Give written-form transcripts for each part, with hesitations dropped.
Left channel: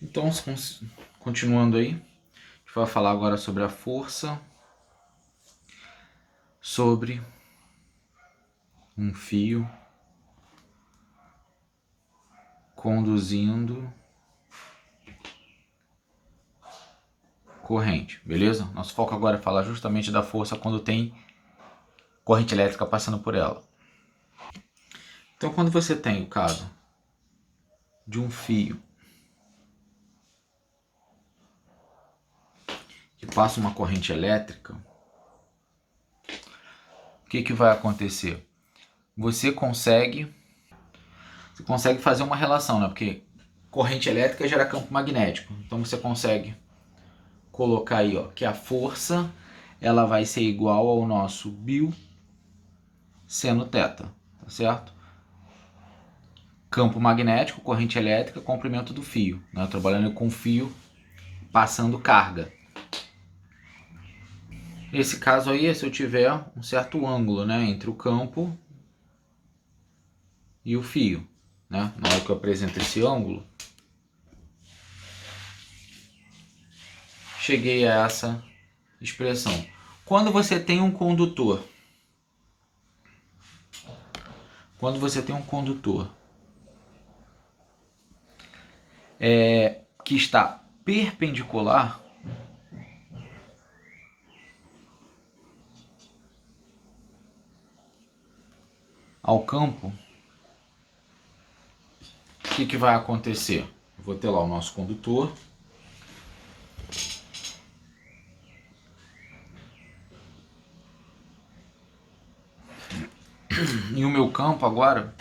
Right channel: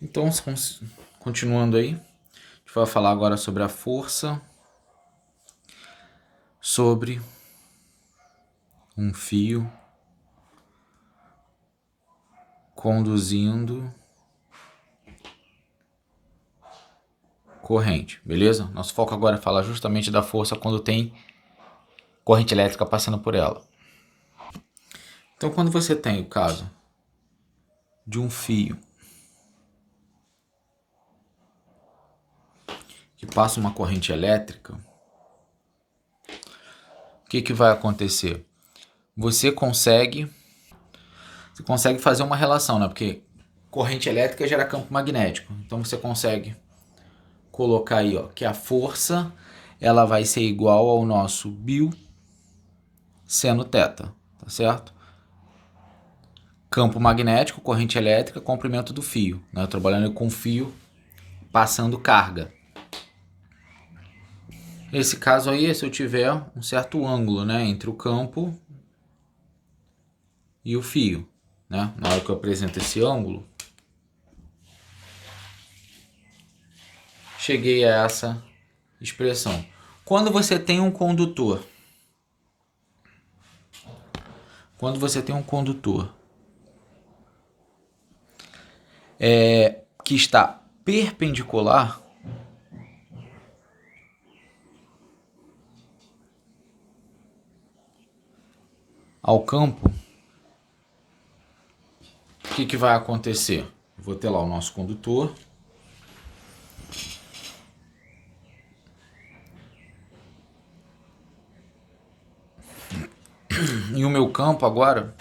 Então, continuando aí, a gente vai falar agora sobre a força sobre um fio conduzindo corrente, beleza? Nosso foco agora é falar justamente da força quando tem corrente elétrica passando por ela. Então, quando você tem o caso de um fio que passa uma corrente elétrica, o que vai acontecer? Você consegue fazer uma relação, né? Porque corrente elétrica gera campo magnético. Então você consegue colocar aí, ó, que a força ela vai ser igual ao nosso bio seno θ, tá certo? Campo magnético, corrente elétrica, comprimento do fio, né? Trabalhando com fio passando carga. Esse caso aí é se eu tiver um certo ângulo, né, entre o campo e o fio, né? Na hora que eu apresento esse ângulo, cheguei a essa expressão. Quando você tem um condutor, que está perpendicular ao campo, o que vai acontecer? Eu vou ter lá o nosso condutor. E o meu campo agora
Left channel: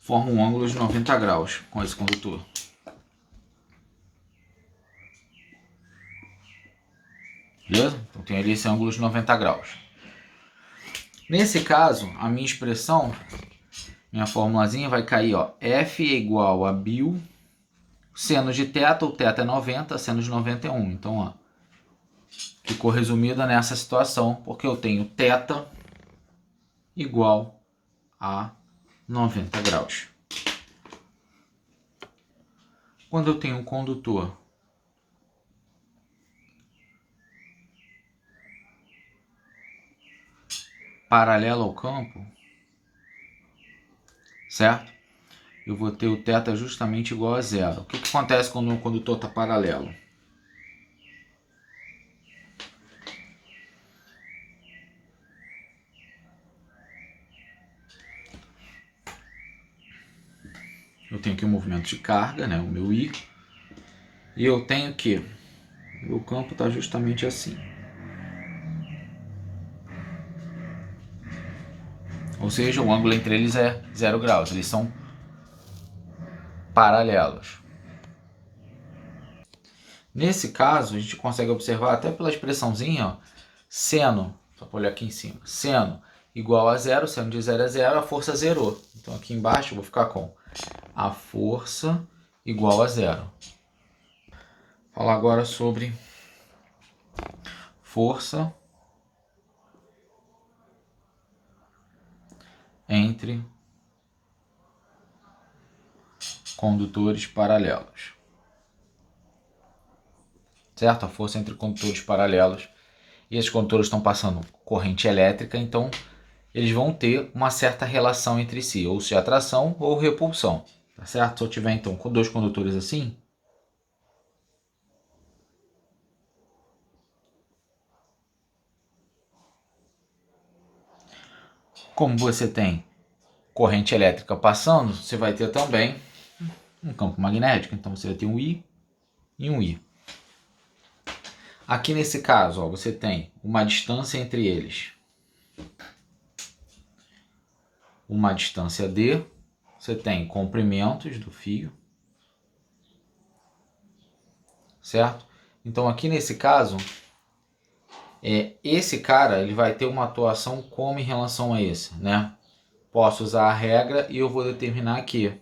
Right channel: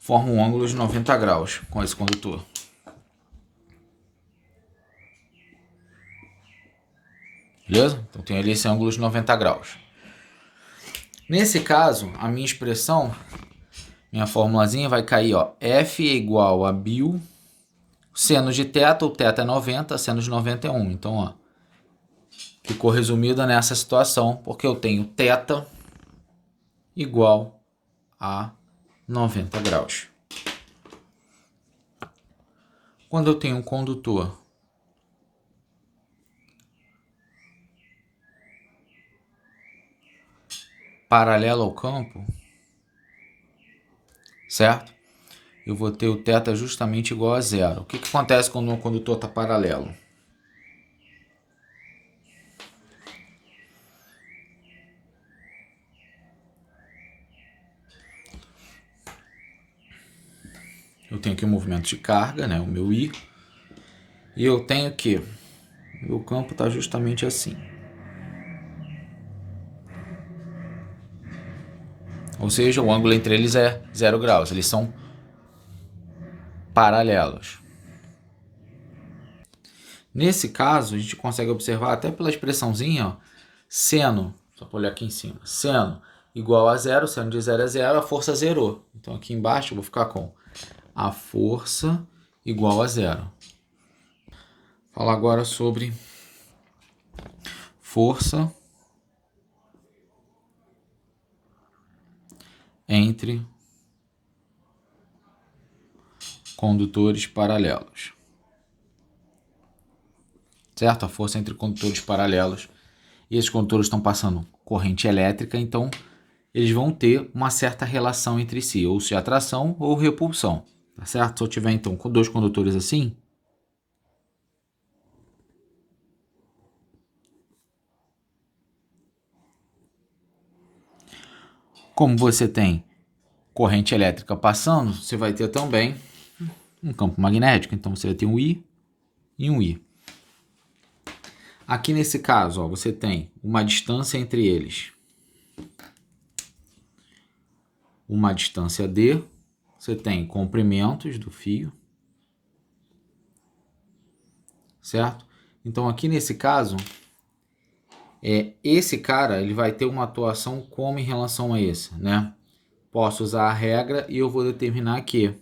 forma um ângulo de 90 graus com esse condutor. Beleza? Então tem ali esse ângulo de 90 graus. Nesse caso, a minha expressão, minha formulazinha vai cair, ó, F é igual a bio seno de θ, o θ é 90, seno de 90 é 1. Então, ó, ficou resumida nessa situação, porque eu tenho θ igual a 90 graus. Quando eu tenho um condutor paralelo ao campo, certo? Eu vou ter o θ justamente igual a zero. O que acontece quando o condutor está paralelo? Eu tenho aqui o movimento de carga, né, o meu I, e eu tenho que o meu campo está justamente assim. Ou seja, o ângulo entre eles é 0 graus, eles são paralelos. Nesse caso, a gente consegue observar até pela expressãozinha, ó, seno, só para olhar aqui em cima, seno igual a zero, seno de 0 é 0, a força zerou. Então aqui embaixo eu vou ficar com a força igual a zero. Falar agora sobre força entre condutores paralelos. Certo? A força entre condutores paralelos. E esses condutores estão passando corrente elétrica, então eles vão ter uma certa relação entre si, ou seja, atração ou repulsão. Tá certo? Se eu tiver então com dois condutores assim, como você tem corrente elétrica passando, você vai ter também um campo magnético. Então você vai ter um I e um I. Aqui nesse caso, ó, você tem uma distância entre eles. Uma distância D. Você tem comprimentos do fio. Certo? Então aqui nesse caso, esse cara ele vai ter uma atuação como em relação a esse, né? Posso usar a regra e eu vou determinar que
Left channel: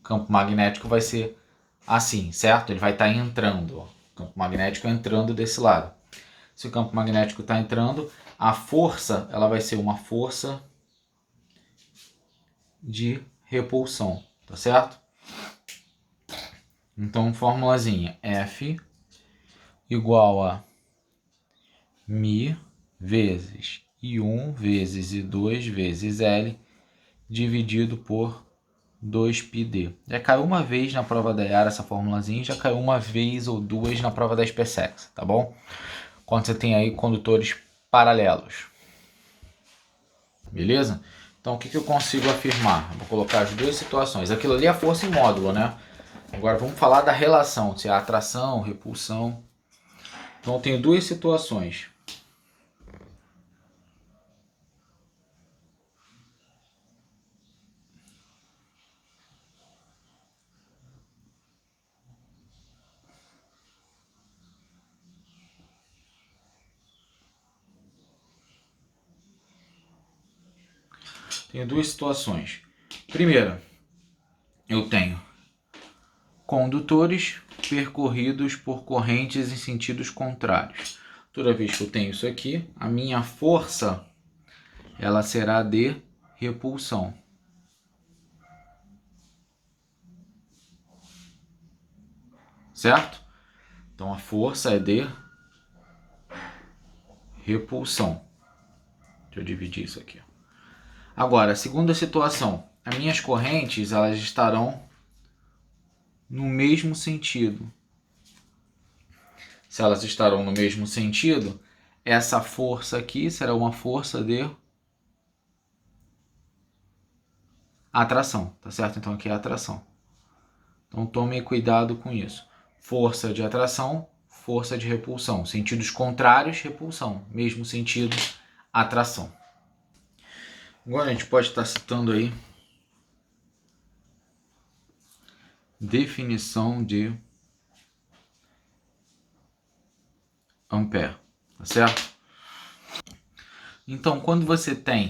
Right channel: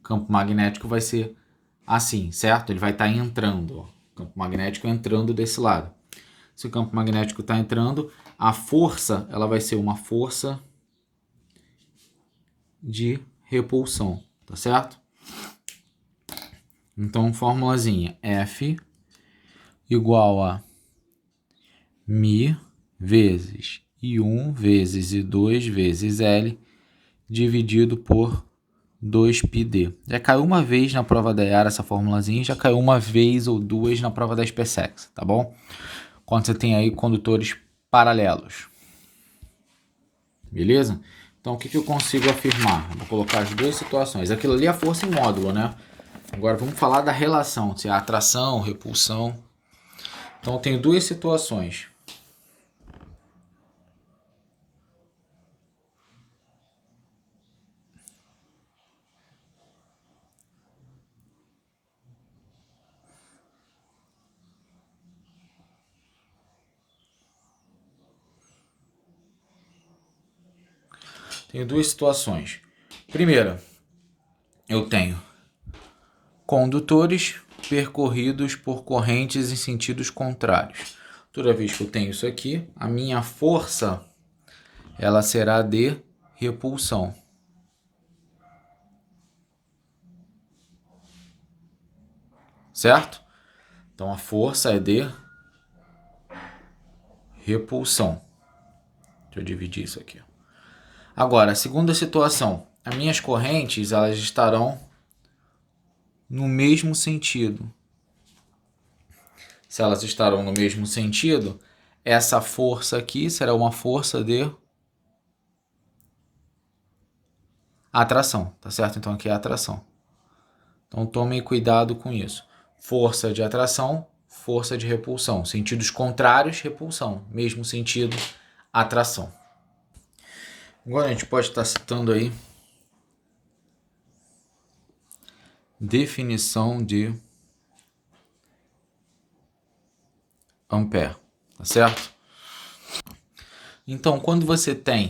o campo magnético vai ser assim, certo? Ele vai estar entrando. Ó. O campo magnético entrando desse lado. Se o campo magnético está entrando, a força ela vai ser uma força de repulsão, tá certo? Então, formulazinha, F igual a μ vezes I1 vezes I2 vezes L dividido por 2πd. Já caiu uma vez na prova da Yara essa formulazinha, já caiu uma vez ou duas na prova da SpaceX, tá bom? Quando você tem aí condutores paralelos. Beleza? Então, o que eu consigo afirmar? Vou colocar as duas situações. Aquilo ali é a força em módulo, né? Agora, vamos falar da relação, se é atração, repulsão. Então, eu tenho duas situações. Tenho duas situações. Primeira, eu tenho condutores percorridos por correntes em sentidos contrários. Toda vez que eu tenho isso aqui, a minha força ela será de repulsão. Certo? Então a força é de repulsão. Deixa eu dividir isso aqui. Agora, a segunda situação. As minhas correntes elas estarão no mesmo sentido. Se elas estarão no mesmo sentido, essa força aqui será uma força de atração, tá certo? Então aqui é atração. Então tome cuidado com isso. Força de atração, força de repulsão. Sentidos contrários, repulsão. Mesmo sentido, atração. Agora a gente pode estar citando aí definição de Ampère, tá certo? Então, quando você tem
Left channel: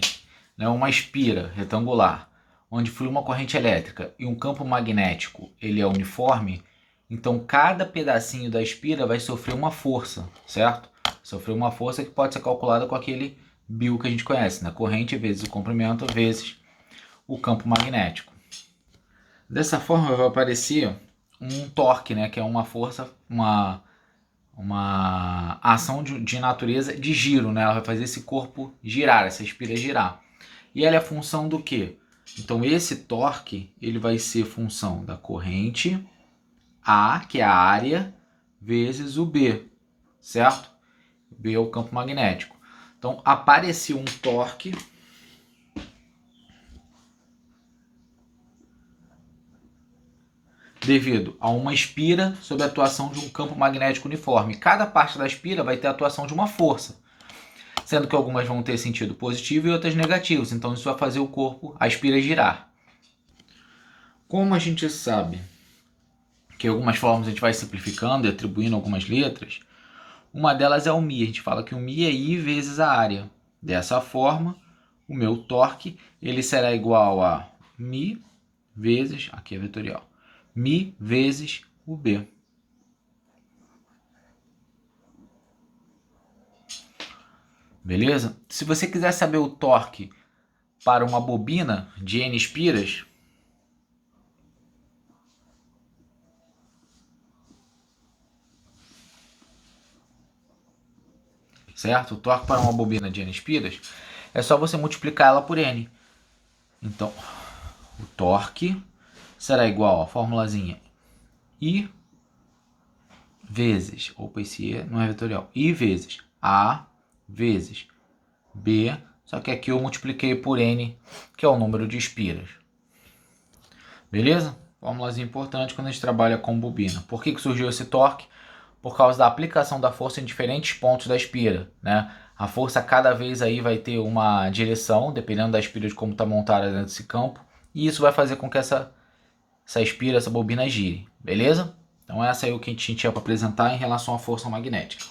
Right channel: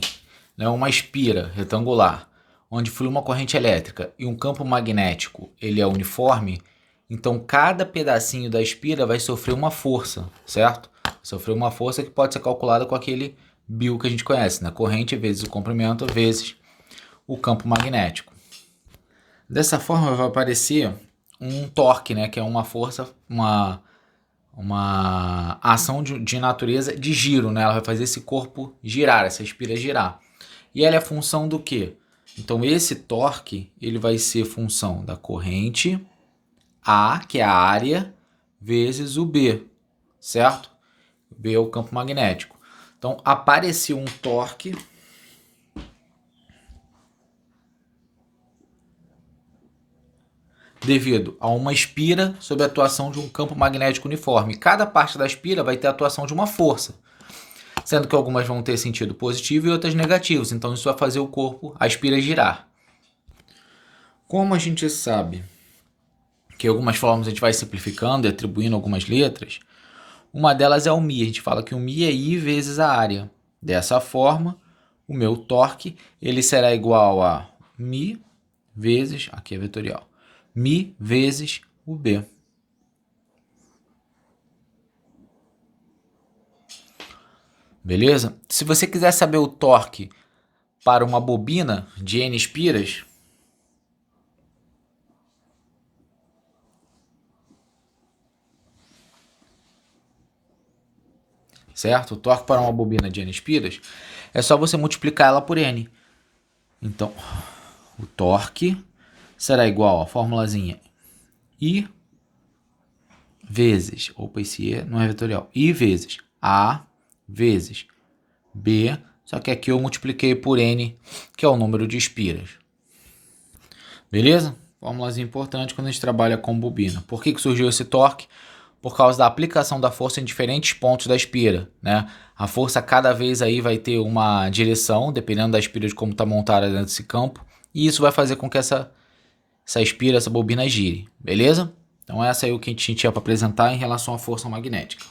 uma espira retangular, onde flui uma corrente elétrica e um campo magnético, ele é uniforme, então cada pedacinho da espira vai sofrer uma força, certo? Sofrer uma força que pode ser calculada com aquele bio que a gente conhece, na corrente vezes o comprimento vezes o campo magnético. Dessa forma vai aparecer um torque, né, que é uma força, uma ação de natureza de giro, né? Ela vai fazer esse corpo girar, essa espira girar. E ela é função do quê? Então esse torque ele vai ser função da corrente A, que é a área, vezes o B, certo? B é o campo magnético. Então apareceu um torque devido a uma espira sob a atuação de um campo magnético uniforme. Cada parte da espira vai ter a atuação de uma força, sendo que algumas vão ter sentido positivo e outras negativos. Então isso vai fazer o corpo, a espira girar. Como a gente sabe que algumas formas a gente vai simplificando e atribuindo algumas letras, uma delas é o μ. A gente fala que o μ é I vezes a área. Dessa forma, o meu torque ele será igual a μ vezes, aqui é vetorial, μ vezes o B. Beleza? Se você quiser saber o torque para uma bobina de N espiras, certo? O torque para uma bobina de N espiras é só você multiplicar ela por N. Então, o torque será igual a formulazinha I vezes, opa, esse E não é vetorial, I vezes A vezes B, só que aqui eu multipliquei por N, que é o número de espiras. Beleza? Fórmulazinha importante quando a gente trabalha com bobina. Por que surgiu esse torque? Por causa da aplicação da força em diferentes pontos da espira, né? A força cada vez aí vai ter uma direção, dependendo da espira de como está montada dentro desse campo, e isso vai fazer com que essa espira, essa bobina gire, beleza? Então essa é o que a gente tinha para apresentar em relação à força magnética.